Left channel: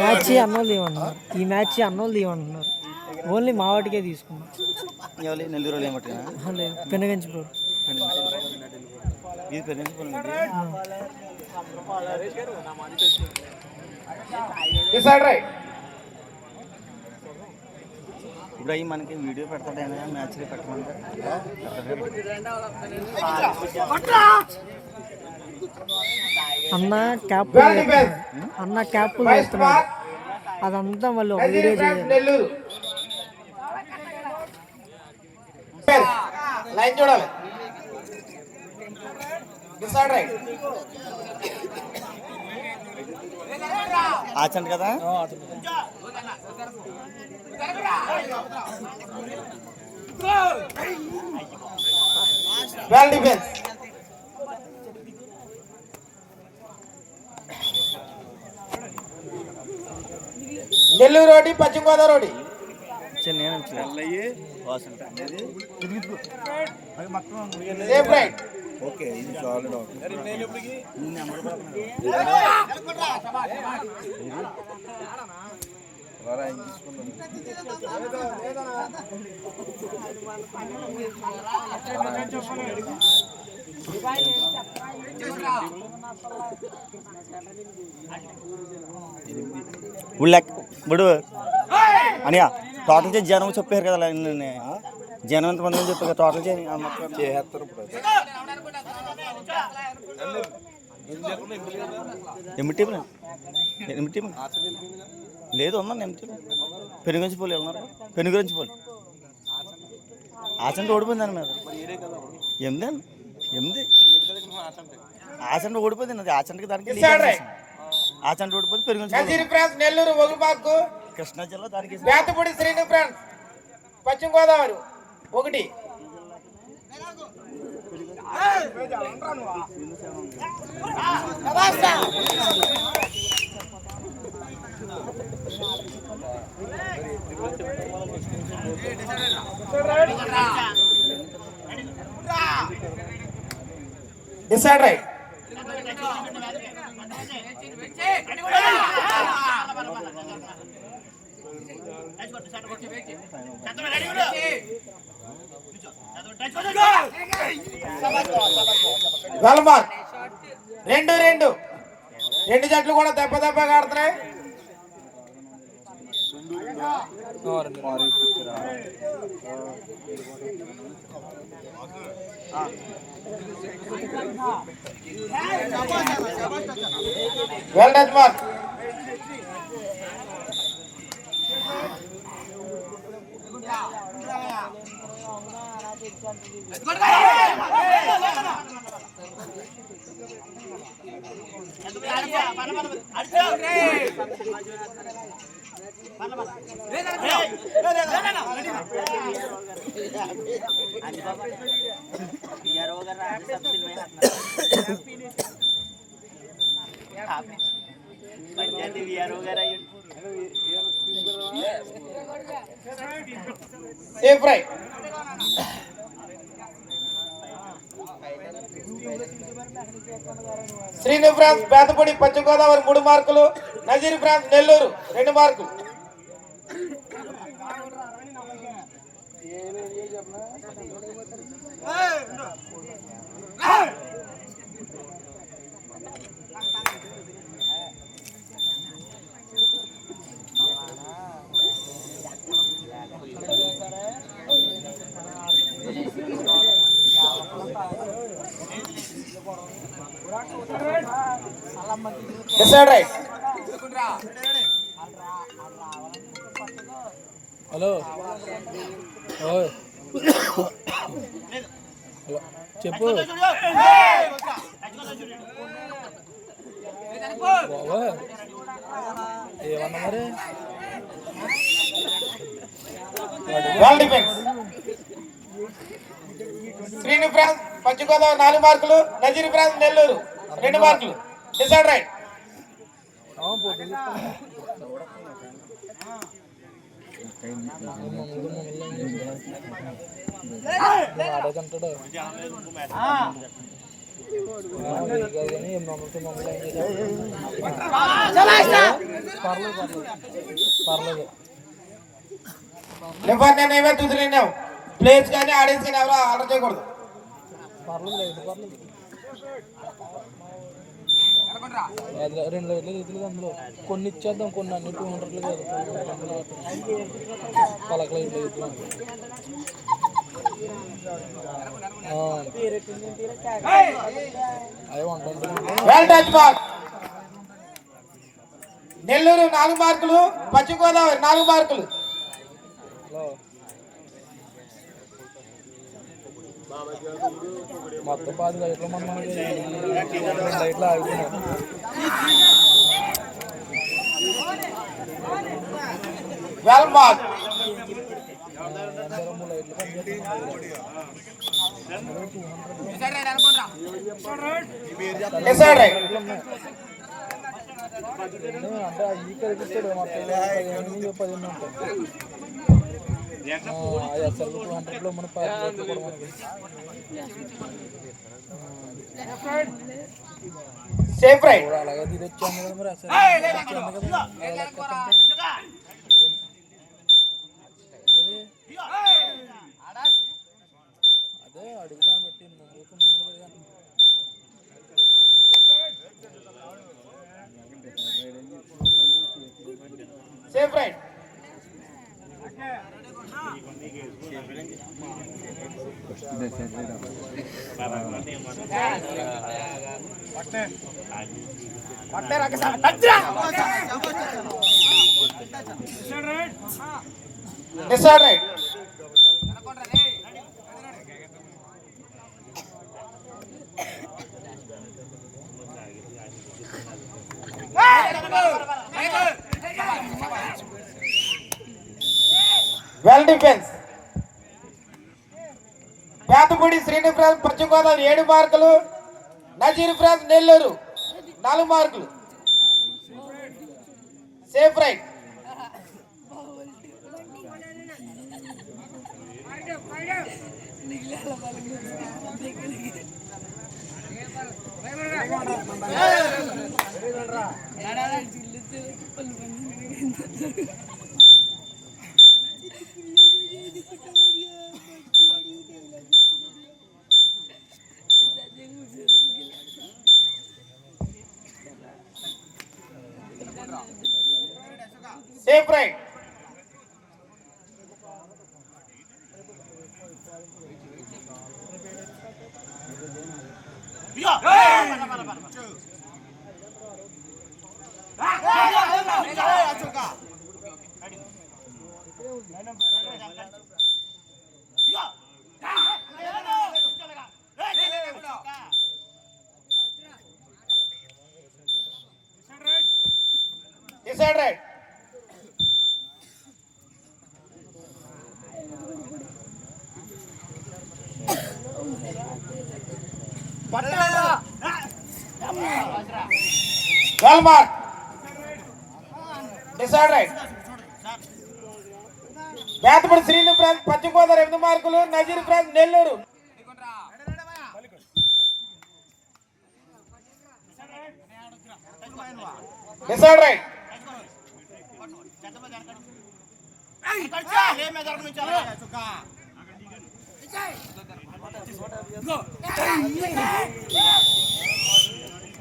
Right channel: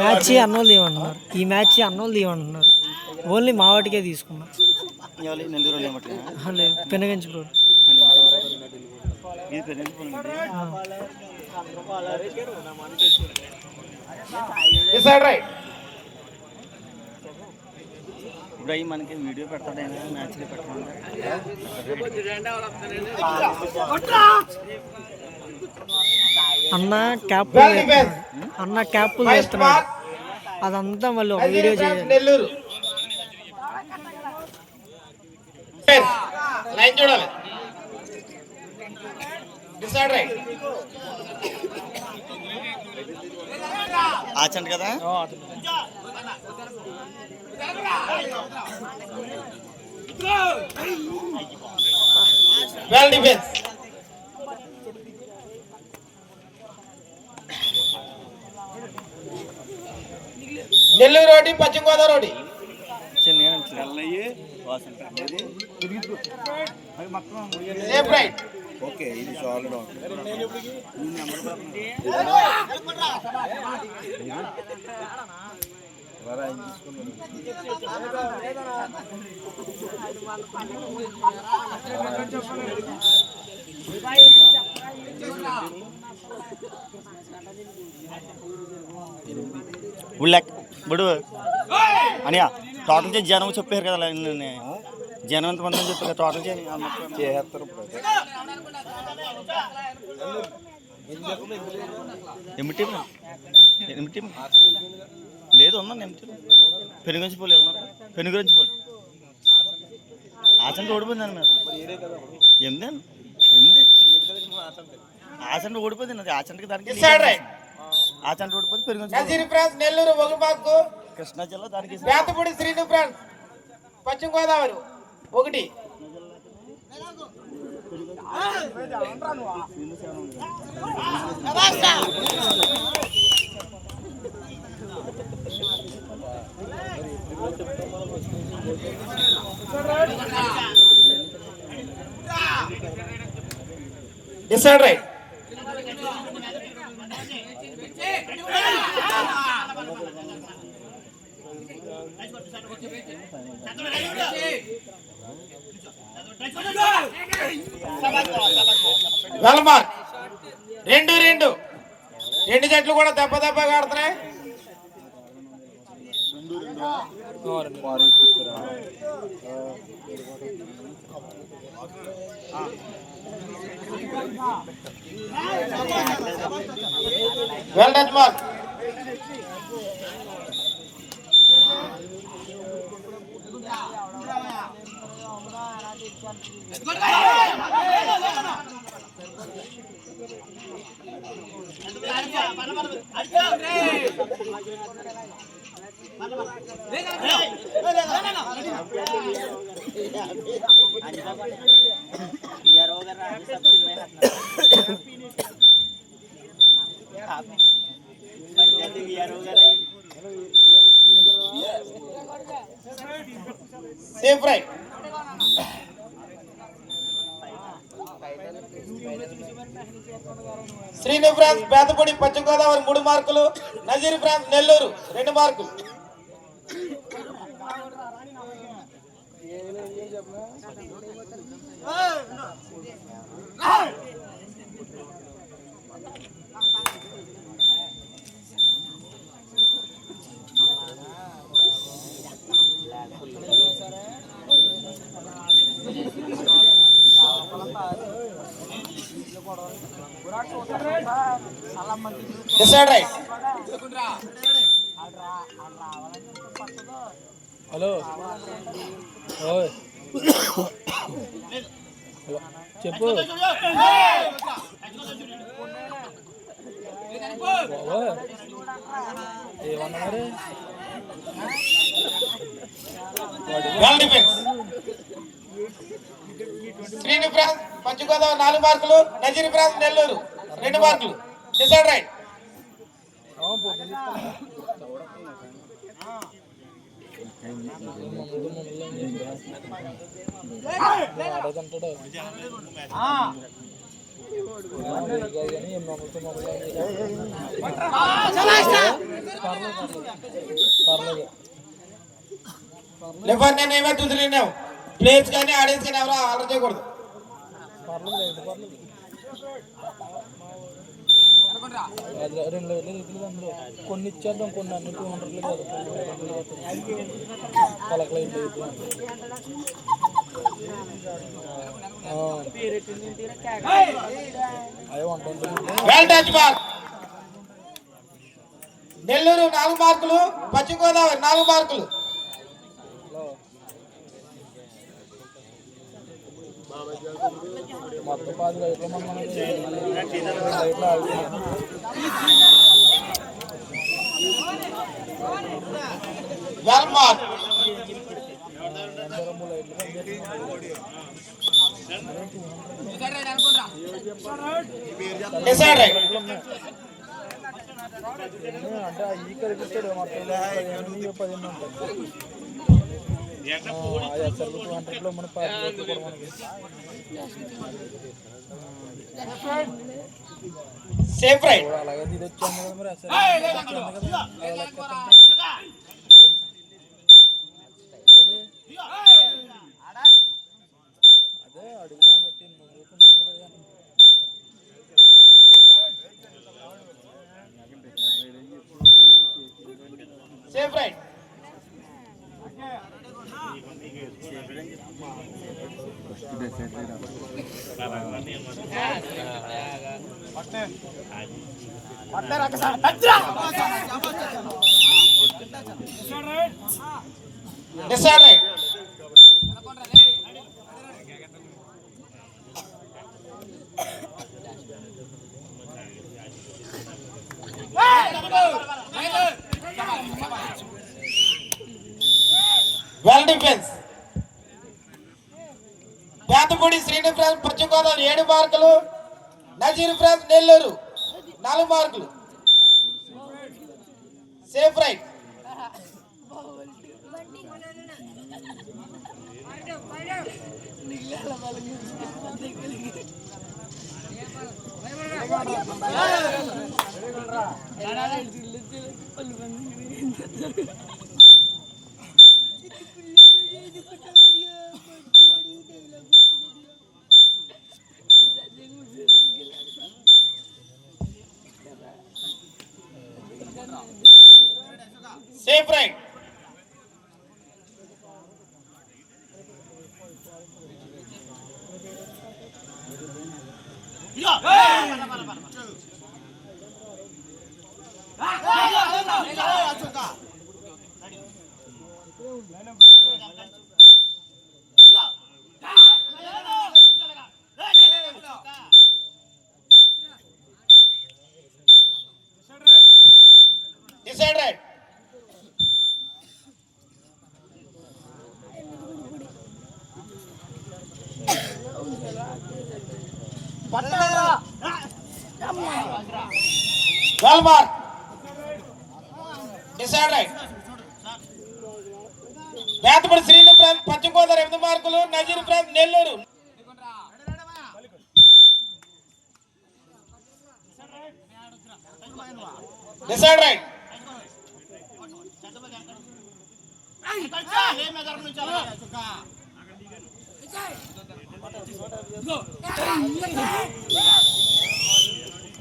Match అన్నోళ్ళు ఏమంటున్నారు, ఈ మ్యాచ్ అన్నోళ్ళు ఏమంటున్నారు, ఓన్లీ మా వాటికే తీసుకున్నాం. లేదు పెనగంచి బ్రో. ఇప్పుడు అవి మనకి వీడియో పెడతాడైనా మ్యాచ్లో పెట్టమంటే అన్న క్యాప్ అన్న క్యాప్లు వేస్తున్నాడు, అదంతా మళ్ళీ ఒక వీడియో చేయాలి. లైన్ చూడాలి. డిసైడ్ రైట్ ఆచండి కదా. Well defence. నెల్లూరు రోడ్డు, పశ్చిమ Godavari road. Safe right. Okay ఇది సాలిడ్. ఇప్పుడు అనియా టోటల్ చేసి జనం చెప్పారు కదా, జనం ఎంతమంది చెప్పారు టోటల్ చేస్తారు. ఎమిటి లేదు ఉన్నాను ఎమిటి పెనుగంచిపోలే ఉన్నారా, పెనుగంచిపోలే ఆచంట ఓడిపోయిందండి. మరి ఎనిమిది ఆచంట ఓడిపోయింది, అది ఆచంటకి దానికి ఆచంట ఓడిపోయింది. పెనుగంచి నెల్లూరు ఒక మార్కు, కృష్ణా జిల్లా దానికి Bethapudi Srinu France Paschima Godavari 1. Decide right. Well mark. 2-2 రెండు జట్లు కూడా దెబ్బగా ఆడుతున్నాయి. Well done mark. Safe right. Srinu France Bethapudi Paschima Godavari 3 మార్కులు, నజీర్ ఫ్రాన్స్ నెల్లూరు 2 మార్కులు. Decide right. హలో ఓయ్ చెప్పు బాబా ఏమన్నా మరి. శ్రీను ఫ్రాన్స్ పశ్చిమ గోదావరి 4 మార్కులు, నజీర్ ఫ్రాన్స్ నెల్లూరు 2 మార్కులు. Decide right. పర్లేదు. లిఫర్ నేను ఏమే తుదిలేనావు ప్లేయర్స్ కానీ ఆడియన్స్ కానీ ఎవరో ఆర్డర్ చేయకూడదు. పర్లేదు. అది 2 రీతులు అందులో కొన్ని ఇచ్చేద్దాం, కొన్ని అన్ని 200 కాదు, పలకలు ఇట్లా ఇద్దాం. అదే 120. నెల్లూరు 4 మార్కులు, పశ్చిమ గోదావరి 4 మార్కులు. మొత్తం 10 లైట్లు మనం లైట్లు ఆగుతున్నాయి. వెల్మార్క్ 2 లైట్లు అంటే ఈ కలిపిస్తాడు మొత్తం 15 ఉంటాయి. SR 200లో మన 10 లైట్లు కూడా మనకి సేఫ్ రైట్. అలాగే ఇది వచ్చాను కదా మరి SR అదే అడుగుదాన్ని బట్టి safe right. Decide right. Well defence. Pedapudi Srinivas Paschima Godavari 7 మార్కులు, నజీర్ ఫ్రాన్స్ నెల్లూరు 4 మార్కులు. Safe right. Safe right. Decide right. Well mark. Decide right. Pedapudi Srinivas Paschima Godavari 8 మార్కులు, Nazeer France Nellore. Decide right.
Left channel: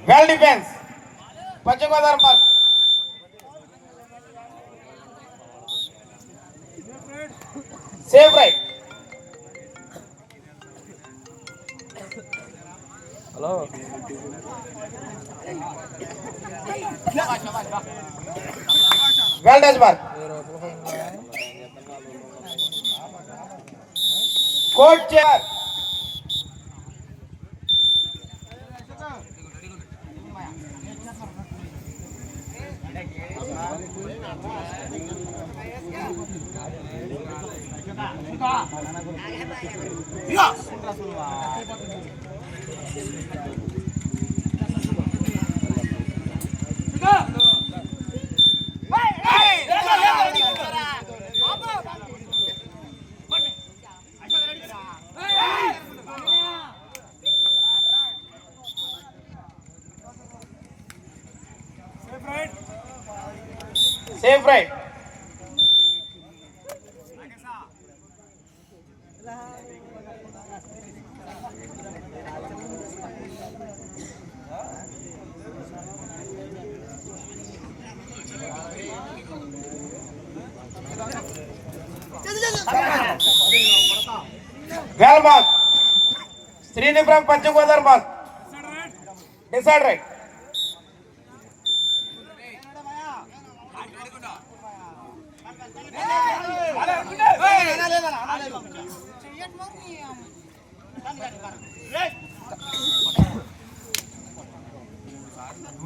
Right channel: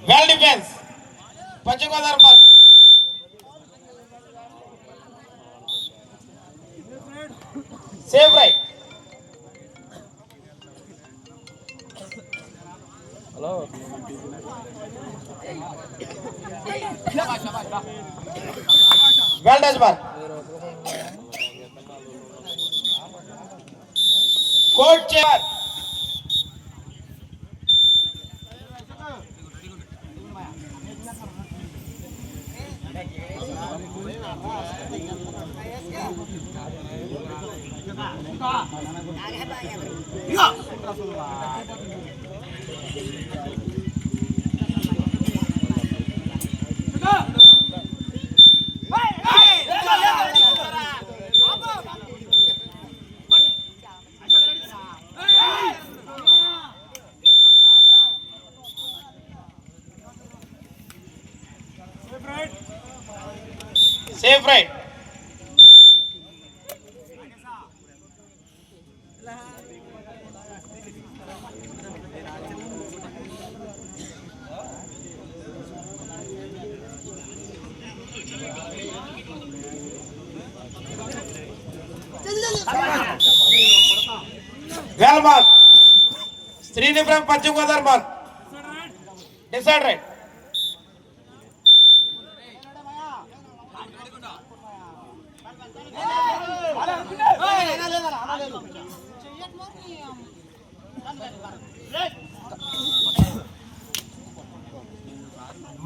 Well defence. Paschima Godavari mark. Safe right. Hello well done mark. Coach chair. Safe right. Well mark. Srinivas Paschima Godavari mark. Decide right.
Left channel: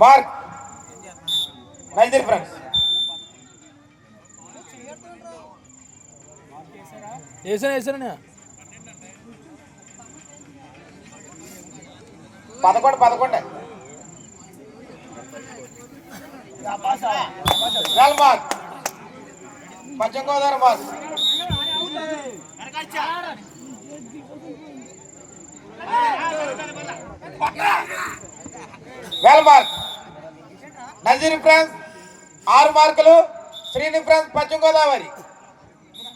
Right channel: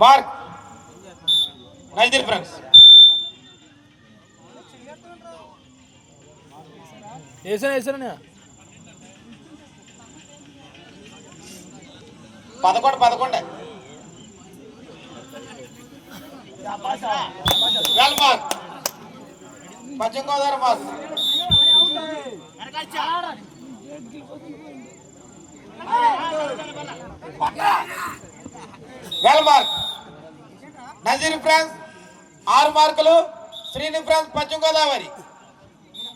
Mark. Nazeer France. వేసాను 11 well mark. Paschima Godavari mark. Well mark. Nazeer France 6 మార్కులు. Srinivas France Paschima Godavari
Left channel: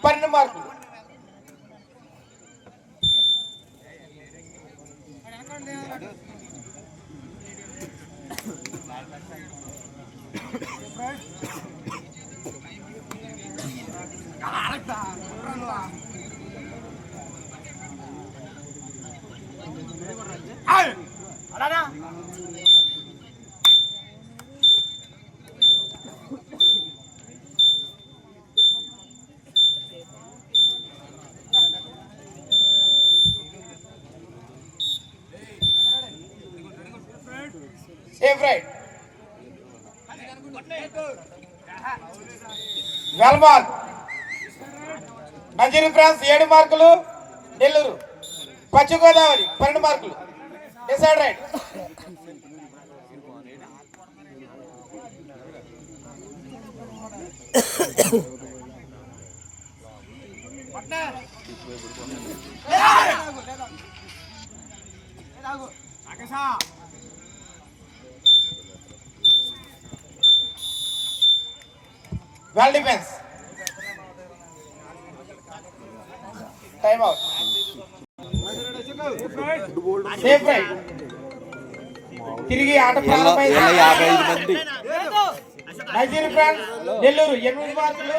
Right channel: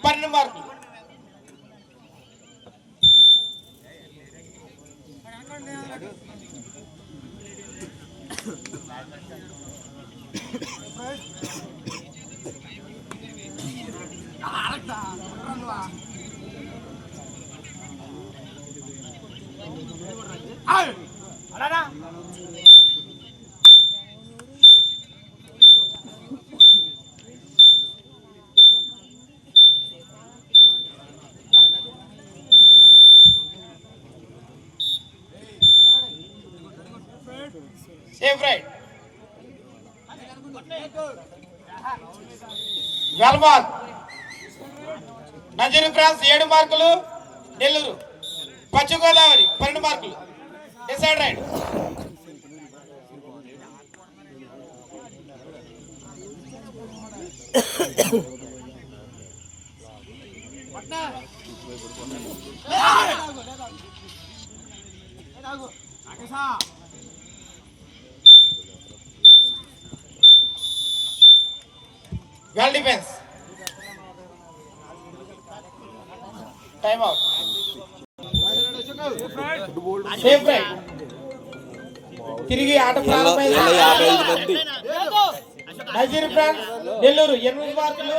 12 మార్కులు. Safe right. Well mark. Nazeer France 7 మార్కులు. నెల్లూరు పశ్చిమ గోదావరి 12 మార్కులు. Decide right. Well defence. Time out. Safe right. తిరిగి ఆట ప్రారంభమైంది. Nazir France Nellore 8 మార్కులు.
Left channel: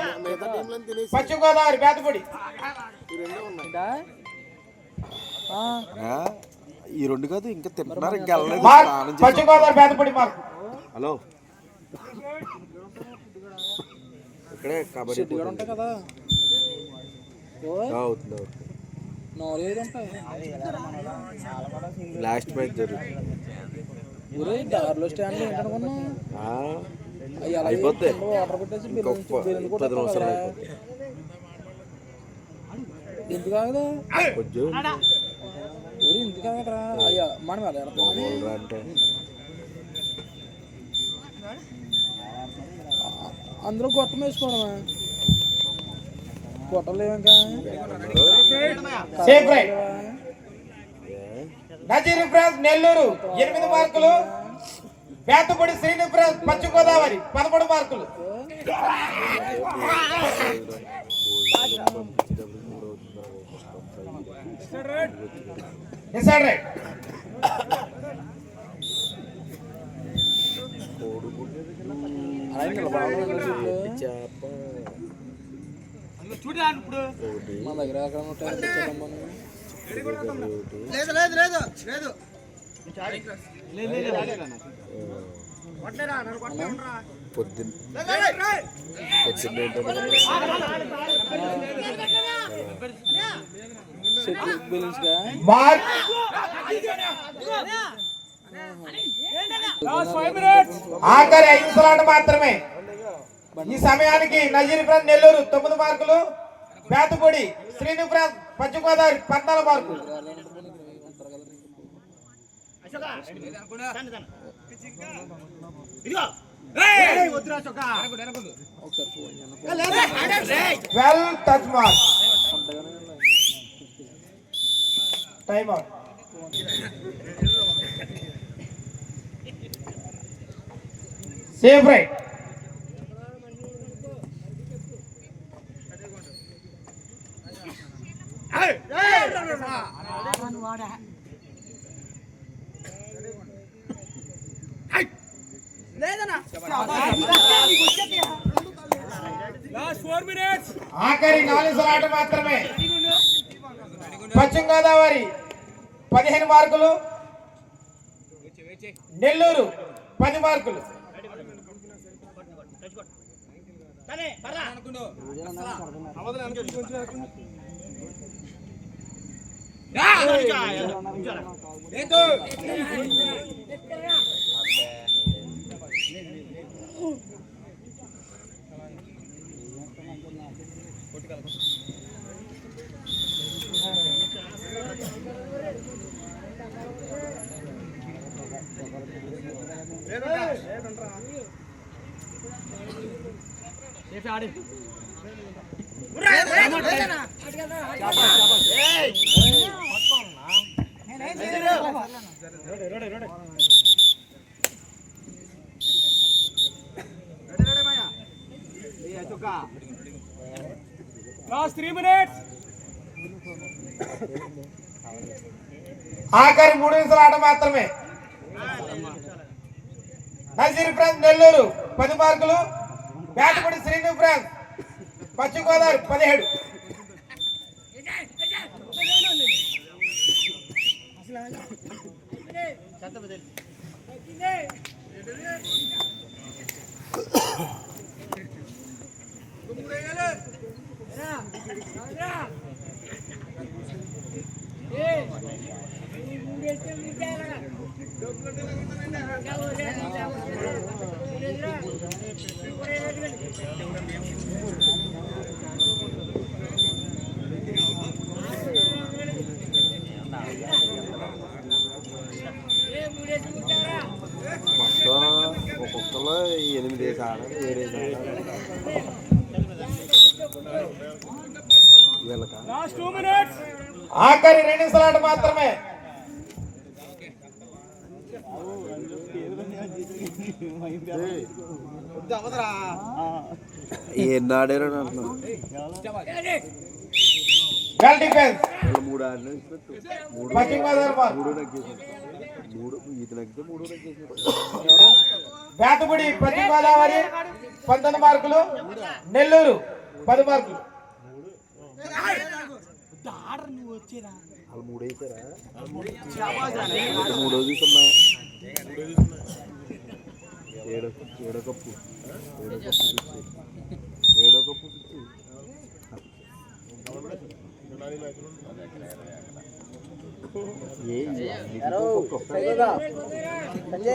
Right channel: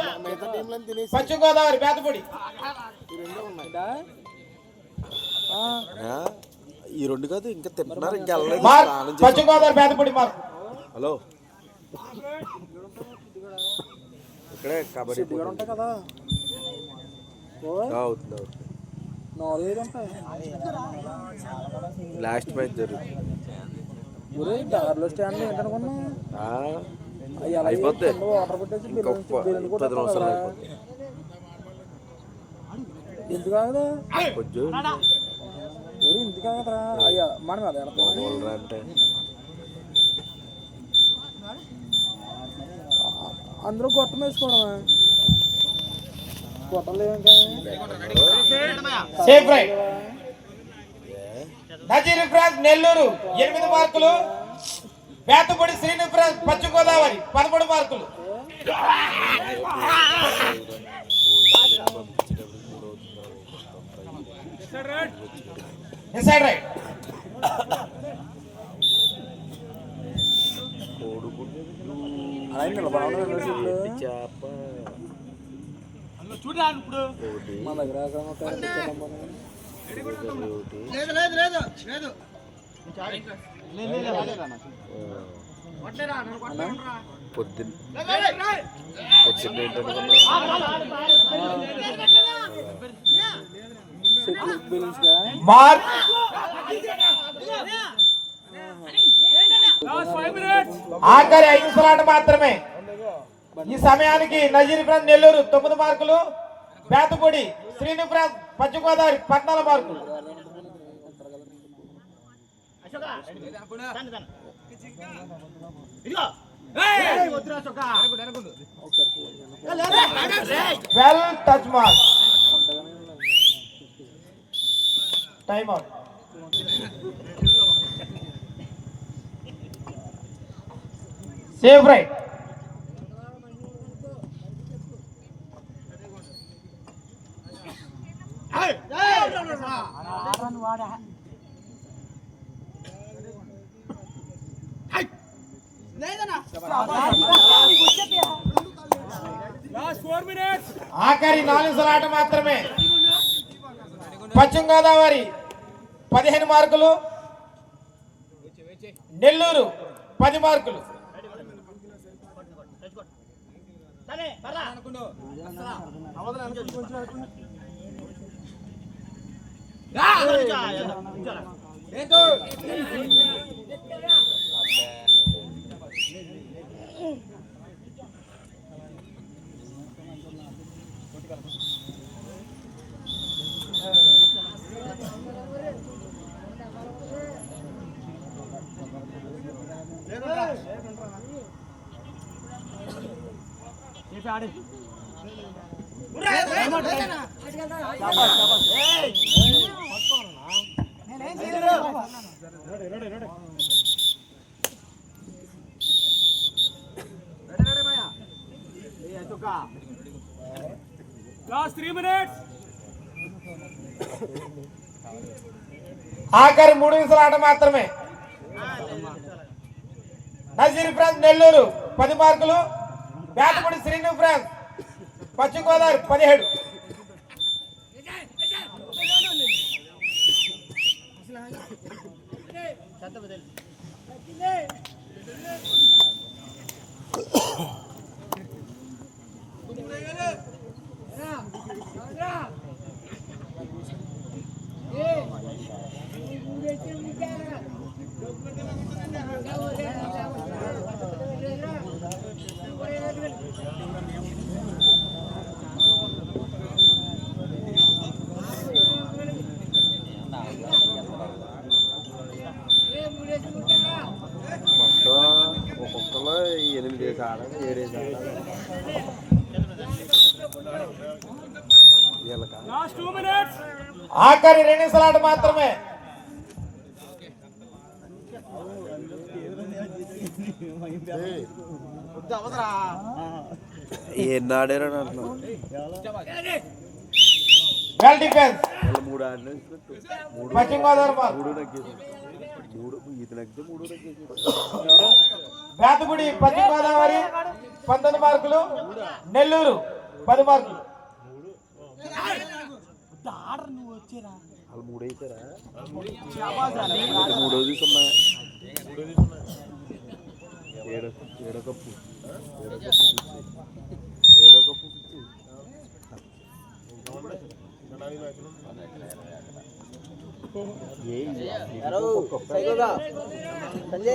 పశ్చిమ గోదావరి బేతపూడి. ఈ 2 కాదు ఇంకా తింటున్నారు ఇంకా పశ్చిమ గోదావరి బేతపూడి మార్క్. హలో ఇక్కడే కబడ్డీ ఉంటాయి కదా అవుతుంది 4-5 ఉంటాయి. లాస్ట్ మ్యాచ్ జరుగుతుంది. ఊరే దారిలో స్టాండ్ ఏంటనుకున్నా అవి అలా వాటర్ పెట్టేసి బిల్లు కూడా ఎందుకు కాదా ఊరు ఎందుకు కాదరా అయ్యా మనం అలా అంటే అందరూ గొట్టం వేసుకోవడమా గొట్టలేక safe right. Nazeer France Nellore 8 మార్కులు. బేతపూడి శ్రీనివాస్ ఫ్రాన్స్ పశ్చిమ గోదావరి 13 మార్కులు. Decide right. మా దగ్గర పొద్దున్న మార్క్. ఆఖరి 5 నిమిషాల మాత్రమే. ఈ సమయానికి నజీర్ ఫ్రాన్స్ నెల్లూరు 9 మార్కులు. బేతపూడి శ్రీనివాస్ ఫ్రాన్స్ పశ్చిమ గోదావరి 14 మార్కులు. Well touch mark. Time out. Safe right. ఆఖరి 4 సలాట మాత్రమే. పశ్చిమ గోదావరి 15 మార్కులు, నెల్లూరు 10 మార్కులు. ఆఖరి 3 నిమిషాల ఆట మాత్రమే. నజీర్ ఫ్రాన్స్ నెల్లూరు 10 మార్కులు, బ్యాటపడి శ్రీను ఫ్రాన్స్ పశ్చిమ గోదావరి 17. ఒక్కొక్కలో 8 వేసాడు, 7 ఆఖరి 2 నిమిషాల ఆట మాత్రమే. ఏనాడారు వెల్ డిఫెన్స్ 3 ఆడిన పశ్చిమ గోదావరి 3 నగ్గేసి 3 ఈత నగ్గితే 3 నగ్గేసి. బ్యాటపడి పశ్చిమ గోదావరి 19 మార్కులు, నెల్లూరు 10 మార్కులు. వాళ్ళు 3 అయిపోయారా? 3 చూసమ్మా. 7 కప్పు 7 కప్పు ఏ